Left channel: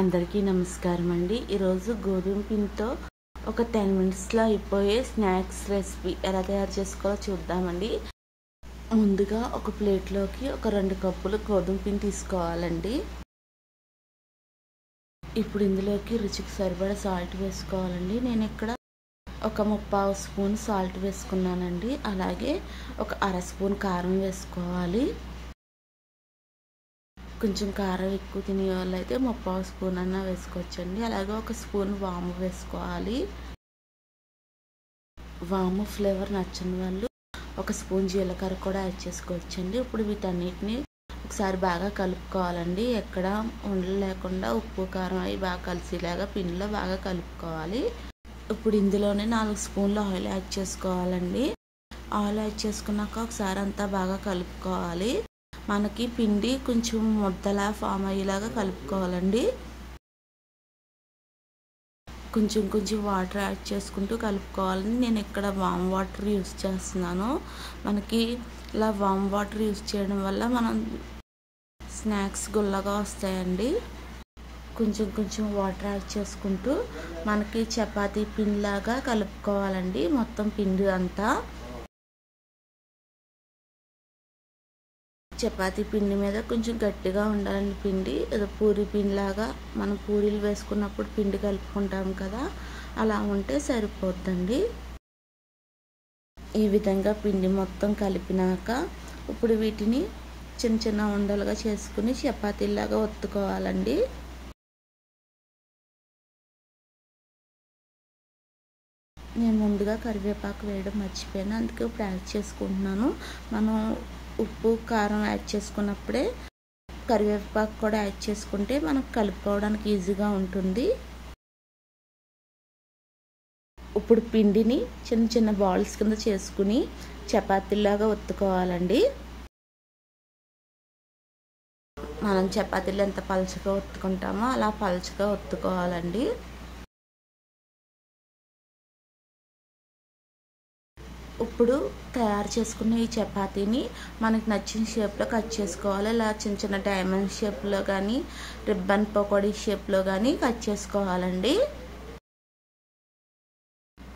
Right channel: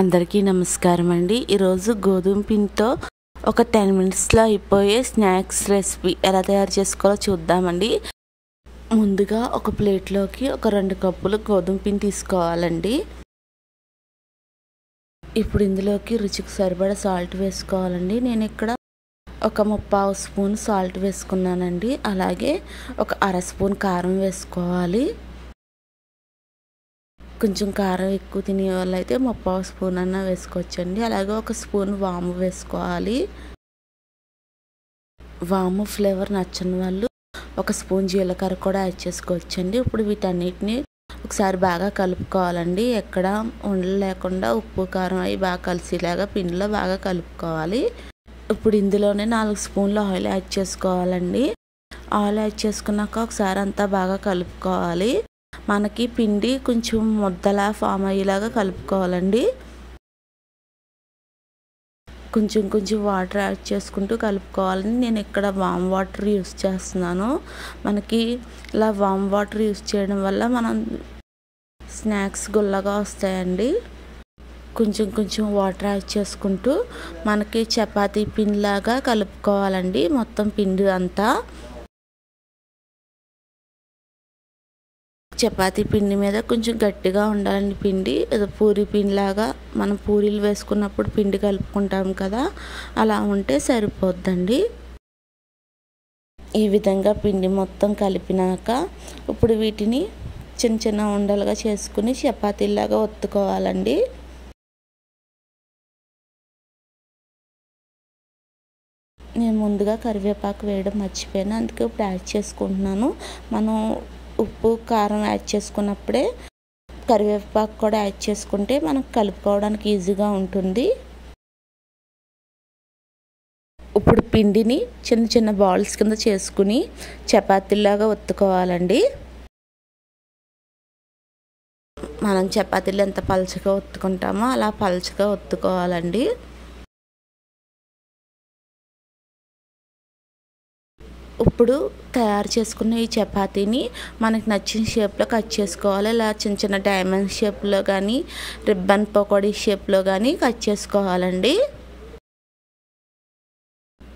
అందరికీ నమస్కారం అండి. ఈరోజు గోధుమ పిండితో ఒక 10 మినిట్స్లో అయిపోయే స్నాక్స్ రెసిపీ ఎలా తయారు చేసుకోవాలో చూద్దామండి. ముందుగా ఒక ప్లేట్లోకి ఒక 2 కప్పులు గోధుమ పిండి తీసుకోవాలండి. ఇప్పుడు ఇందులోకి రుచికి సరిపడా సాల్ట్ వేసుకోవాలండి. నేను ఇక్కడ ఒక 3/4 స్పూన్ సాల్ట్ వేసుకున్నానండి. అలాగే ఒక 1/2 స్పూన్ కారం వేసుకోవాలి. కొంచెం కారం ఎక్కువ తినే వాళ్ళు అయితే 3/4 స్పూన్ అన్న వేసుకోవచ్చండి. అలాగే ఒక స్పూన్ వాము వేసుకోవాలి. వాము ఫ్లేవర్ నచ్చని వాళ్ళు ఒక స్పూన్ జీలకర్ర కూడా యాడ్ చేసుకోవచ్చండి. ఇప్పుడు వీటన్నిటిని ఒకసారి బాగా కలుపుకోవాలండి. ఎక్కడ ఉండలు లేకుండా ఉప్పు కారం అవి బాగా కలిసేలాగా పిండిలో బాగా కలుపుకోవాలి. ఇప్పుడు ఇందులోనే 4 స్పూన్ల ఆయిల్ యాడ్ చేసుకోవాలండి. ఆయిల్ యాడ్ చేసుకున్నాక ఒకసారి అంతా బాగా కలుపుకోవాలి. మనకి పిండి కొంచెం ముద్దలా ఫామ్ అయ్యేలాగా కలుపుకోవాలండి. కొంచెం వాటర్ యాడ్ చేసుకుంటూ కలుపుకోవాలని నేను ఇక్కడ వామ్ వాటర్ యూస్ చేస్తున్నాను. మనకి ఇలా వామ్ వాటర్ యూస్ చేయడం వల్ల మనం స్నాక్స్ గుల్లగా వస్తాయండి. కొంచెం వాటర్ యాడ్ చేసుకుంటూ మనకి చపాతీ పిండిలాగా కలుపుకోవాలండి. మొత్తం పిండి అంతా చపాతీ పిండి మీద కొంచెం గట్టిగా ఉండాలండి పిండి. పూరి పిండిలాగా మనం పూరీలు వేసుకున్నప్పుడు పిండి కలుపుకుంటాం కదా, అలా ఉంటే సరిపోద్దండి. ఈ విధంగా పిండి మొత్తం కలిపినాక ఇప్పుడు వీటిని చిన్న ఉండలుగా చేసుకుని చపాతీలాగా ఒత్తుకోవాలండి. నేను ముందుగా కరివేపాకు వేయడం మర్చిపోయాను, అందుకే ఇప్పుడు యాడ్ చేసుకుంటున్నాను. మనం ఉప్పు కారం యాడ్ చేసుకున్నప్పుడే కరివేపాకు కూడా యాడ్ చేసుకుంటే మనకు కలుపుకోవడానికి ఈజీగా ఉంటుంది. ఇప్పుడు పిండిని చిన్న బాల్స్ కింద చేసుకుని చపాతీలాగా ఒత్తుకోవాలండి. మనం చపాతీలు ఎంత పలచగా ఒత్తుకుంటామో అలా పలచగా ఒత్తుకోవాలండి. ఇప్పుడు తయారు చేసుకున్న ఈ చపాతీని మనకి నచ్చిన షేప్లో కట్ చేసుకోవాలి. ఇలా చిన్న డైమండ్ షేప్లో కానీ రిబ్బన్ పకోడీ షేప్లో కానీ కట్ చేసుకోవాలండి.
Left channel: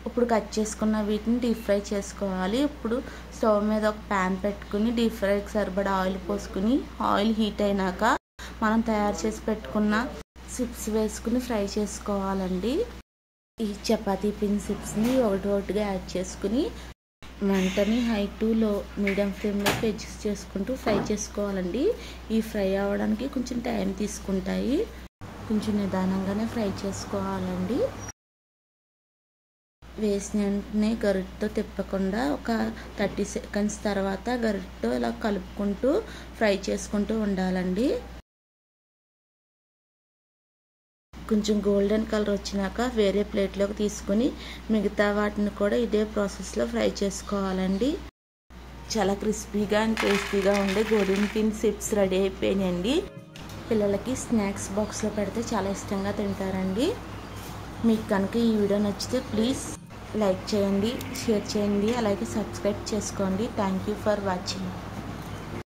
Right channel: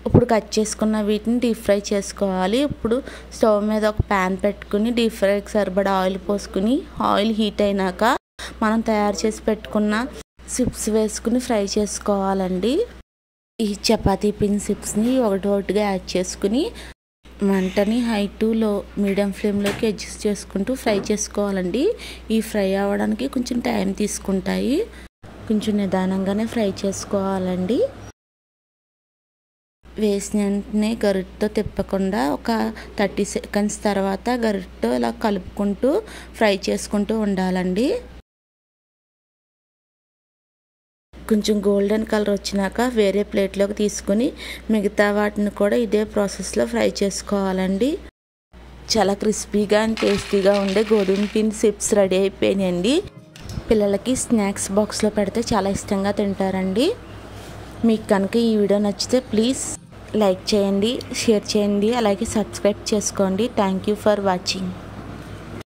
ఇప్పుడు కట్ చేసుకున్న వీటిని డీప్ ఫ్రై చేసుకోవాలి. ఇప్పుడు స్టవ్ మీద ఒక ప్యాన్ పెట్టుకుని డీప్ ఫ్రైకి సరిపడా ఆయిల్ పోసుకుని ఆయిల్ హీట్ అయినాక మనం తయారు చేసి పెట్టుకున్న చిప్స్ వేసుకుని ఫ్రై చేసుకోవాలండి. ఈ చపాతీ పిండి చిప్స్ని ఒకటిగా యాడ్ చేసుకుని మంటని హై టు లో మీడియం ఫ్లేమ్లోకి అడ్జస్ట్ చేసుకుంటూ ఫ్రై చేసుకోవాలండి. ఈ ఫ్రై అవ్వడానికి కొంచెం టైం తీసుకుంటాయి. కొంచెం నిదానంగానే ఫ్రై చేసుకోవాలండి. వేసిన వెంటనే గరిటెతో తిప్పకుండా ఒక 30 సెకండ్స్ తర్వాత గరిటెతో ఇలా కలుపుకుంటూ ఫ్రై చేసుకుంటూ ఉండాలండి. కొంచెం గోల్డెన్ కలర్ వచ్చినాక వేరే ప్లేట్లోకి తీసుకొని మిగతా వాటిని కూడా ఇదే ప్రాసెస్లో ఫ్రై చేసుకోవాలండి. చాలా క్రిస్పీగా అండ్ టేస్టీగా ఉండే గోధుమ పిండి చిప్స్ రెడీ అయిపోయినాయండి. పిల్లలకి స్నాక్స్ బాక్స్లో పెడితే చాలా ఇష్టంగా తింటారండి. మీకు కనుక ఈ వీడియో నచ్చితే ప్లీజ్ లైక్ చేయండి, షేర్ చేయండి, అలాగే సబ్స్క్రైబ్ చేసుకోండి. Thank you for watching.